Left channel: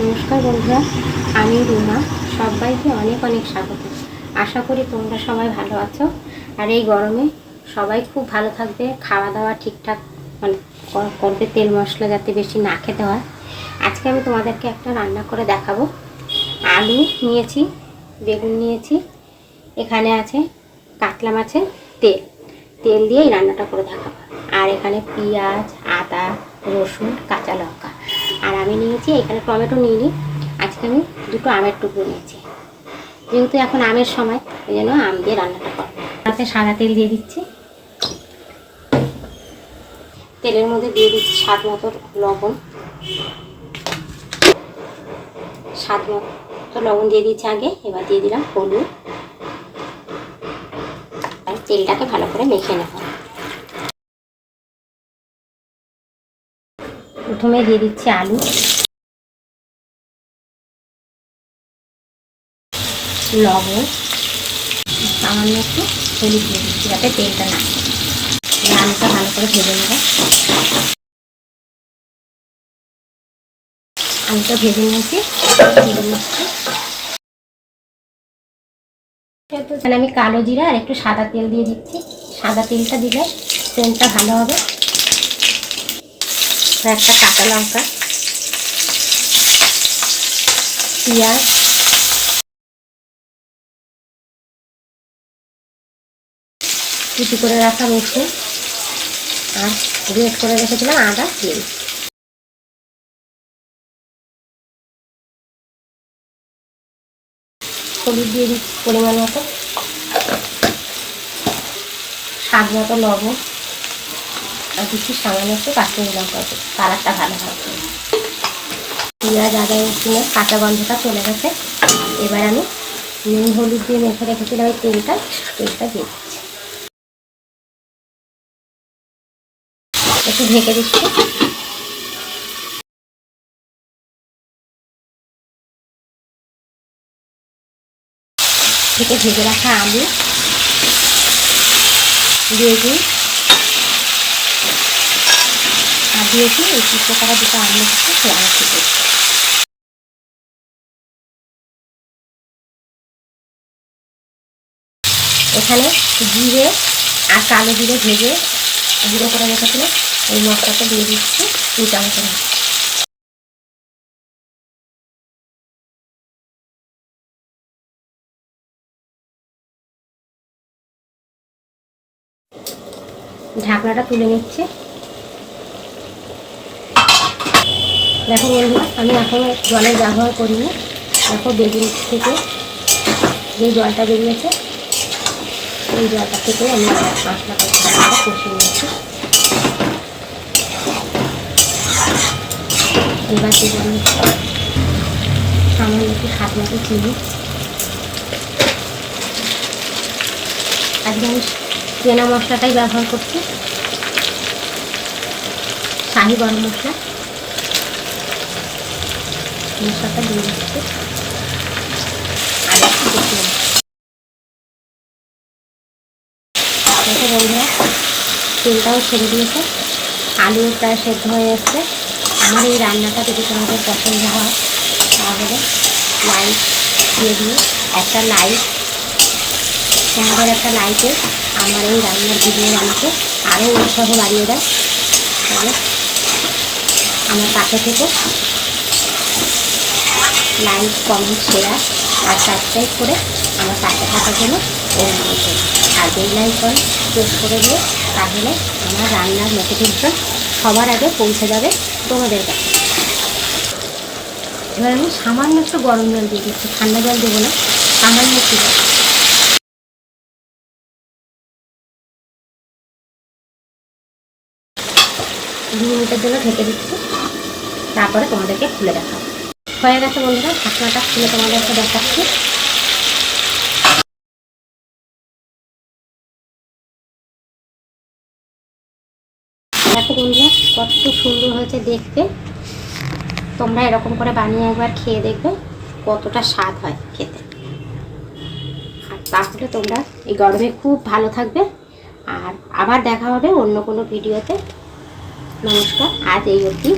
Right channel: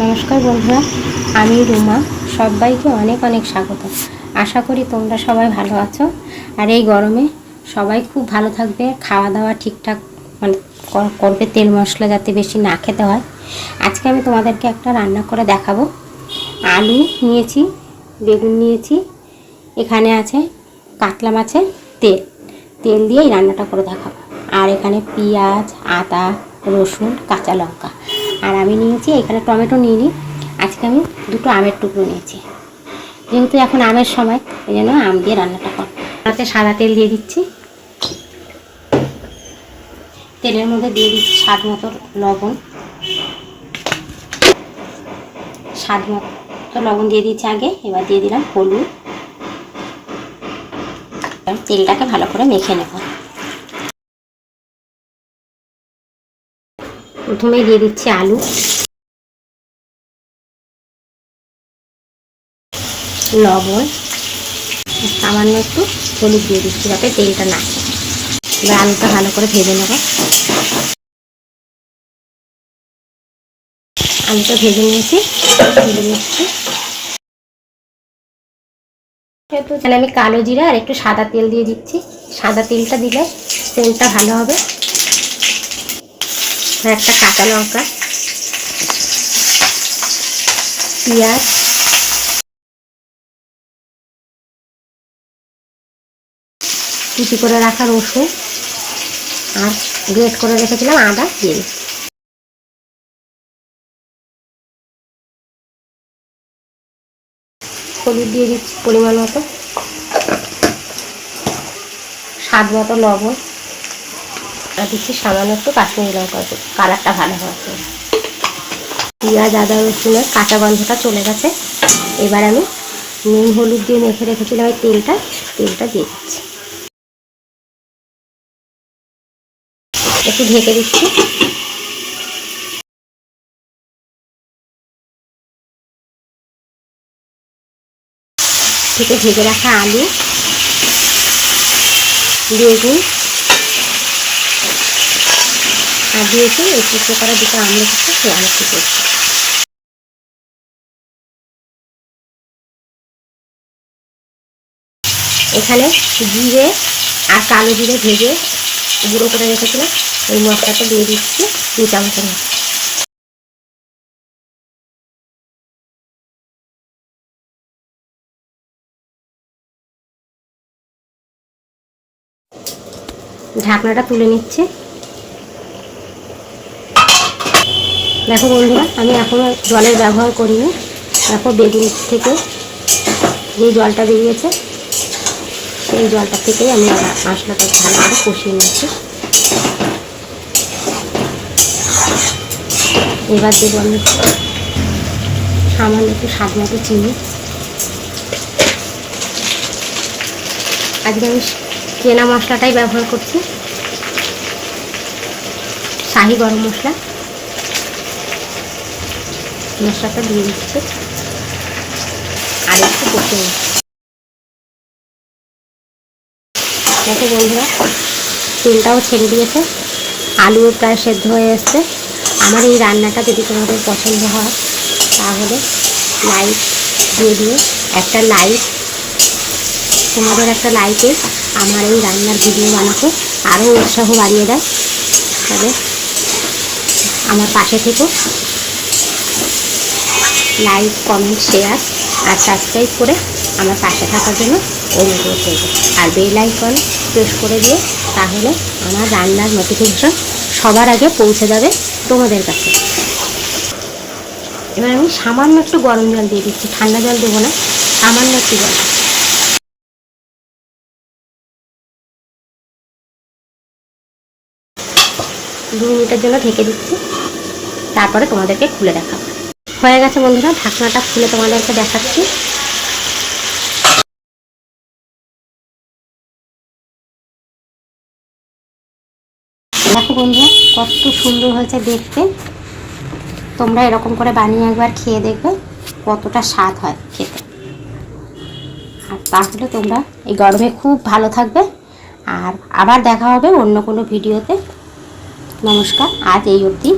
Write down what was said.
নমস্কার বন্ধুরা, আমি রুমা। সবাইকে অনেক অনেক স্বাগত। আশা করি তোমরা সবাই ভালো আছো। আর এই গরমে সবাই খুব ভালো থাকবে, খাওয়া দাওয়া ঠিকঠাক মানে করবে, তেল মশলা যাতে বেশি না খেতে হয়। আজকে আমি তোমাদেরকে একটা রান্না করে দেখাবো। আলু নিয়েছি, বেগুন নিয়েছি, এখানে আছে কাতলা মাছের তেল তেল দিয়ে এই রান্নাটা করে দেখাবো। আর এখানে পেঁয়াজ, আদা, রসুন, কাঁচা লঙ্কা। আর আমি নিয়েছি এখানে টমেটো নিইনি, আজকে আমি দুটো আমের টুকরো নিয়েছি। যেহেতু এখন আমের সময়, এই জন্য আম দিয়ে রান্নাটা করবো। তাতে সাদা তেল দিয়ে দিচ্ছি। তেলের মধ্যে দিয়ে দিচ্ছি স্বাদ মতো লবণ। স্বাদ মতো লবণ দিয়ে দিচ্ছি আগে, এবার দিয়ে দিলাম হলুদ। তেলটাকে ভালো করে মেখে নেব। প্রথমে দিয়ে দিচ্ছি আলু, লবণ, সামান্য একটু হলুদ দিয়ে দিচ্ছি যাতে তেলটা না। এবার আলুটা ভালো করে ভেজে নেব। আলুটা ভেজে নিয়েছি, এখানে আমি কালো জিরা আর একটু সাদা তেল দিয়ে দিচ্ছি। সাদা তেলটা দিলে তেলটা ভালো হবে। একটা কাঁচা লঙ্কা, পেঁয়াজ, কুচি করে রাখা রসুন আর গ্রেট করে রেখেছিলাম আদা দিয়ে দিচ্ছি। হলুদ দিয়ে দিচ্ছি পরিমাণ মতো, স্বাদ মতো লবণ, আর দিচ্ছি সামান্য একটু কাশ্মীরি লঙ্কা, কালারটা ভালো হবে। পেঁয়াজ, আদা, রসুনের কাঁচা গন্ধটা চলে গেছে। এবার আমি নুন হলুদ দিয়ে মেখে রেখেছিলাম ওই তেলটা দিয়ে দিচ্ছি। একটু ঢেকে দিচ্ছি। ভেজে রাখা আলু, বেগুন আর দিয়েছি এই টুকরো করা দুটো আম রেখেছি, সেই আলু দিয়েছি। এখানে জিরে আর কালো জিরে ভেজে গুঁড়ো করে রেখেছিলাম, ওই মশলাটা দিয়ে দিচ্ছি 2 চামচের মতো। ঢাকনাটা তুলে নিচ্ছে। দেখো বন্ধুরা, আমি এখন জলের ব্যবহার করিনি। দেখো বেগুন থেকে যে জলটা বেরিয়েছে, সেই জলটা থেকেই আমি মশলাটা ভালো করে কষিয়ে নিচ্ছি। এবার দেবো আমি সামান্য একটু স্বাদ মতো চিনি। আজকে আমি চেনা মশলাটাই ব্যবহার করছি, শাহি গরম মশলা। মশলাটা দিয়ে দিচ্ছি আর একটু কষে নিচ্ছি। দেখো বন্ধুরা, তেলটাও ছেড়ে দিয়েছে, আলু প্রায় সেদ্ধ হয়ে এসছে। আমার এই রান্নাটা যদি তোমাদের পছন্দ হয় তাহলে লাইক দিয়ে দিও। একটা লাইক, তোমাদের একটা লাইকে আমার এই রান্নার ভিডিও বানাতে আরও উৎসাহ বাড়িয়ে দেয়। তবে আমার পাশে থেকে লাইক, কমেন্ট, শেয়ার আর সাবস্ক্রাইব করে আমার পাশে থাকার জন্য অনুরোধ করব। আর বেল আইকন প্রেস করে দিয়ে, তাহলে আমার রান্নার নোটিফিকেশন সবার আগে পৌঁছে যাবে তোমাদের কাছে। এবার আমি সামান্য একটু গরম জল দিয়ে দিচ্ছি, ঠান্ডা জল দেবো না, সামান্য একটু জল। 2 মিনিটের জন্য ঢেকে দিচ্ছি, তারপরে তোমাদেরকে খুলে দেখাবো। হয়ে গেছে বন্ধুরা, ঢাকনাটা খুলে তোমাদেরকে দেখাচ্ছি। দেখো বন্ধুরা, কত সুন্দর হয়েছে দেখতে। তোমরা এরকম করে বানিয়ে একবার খেয়ে দেখবে কতটা স্বাদ হয় খেতে। আর তাহলে তোমরা এই গরমে খুব ভালো থাকবে। আর আবার দেখা হবে অন্য কোনো ভিডিওতে। নমস্কার, আজ এই অবধি।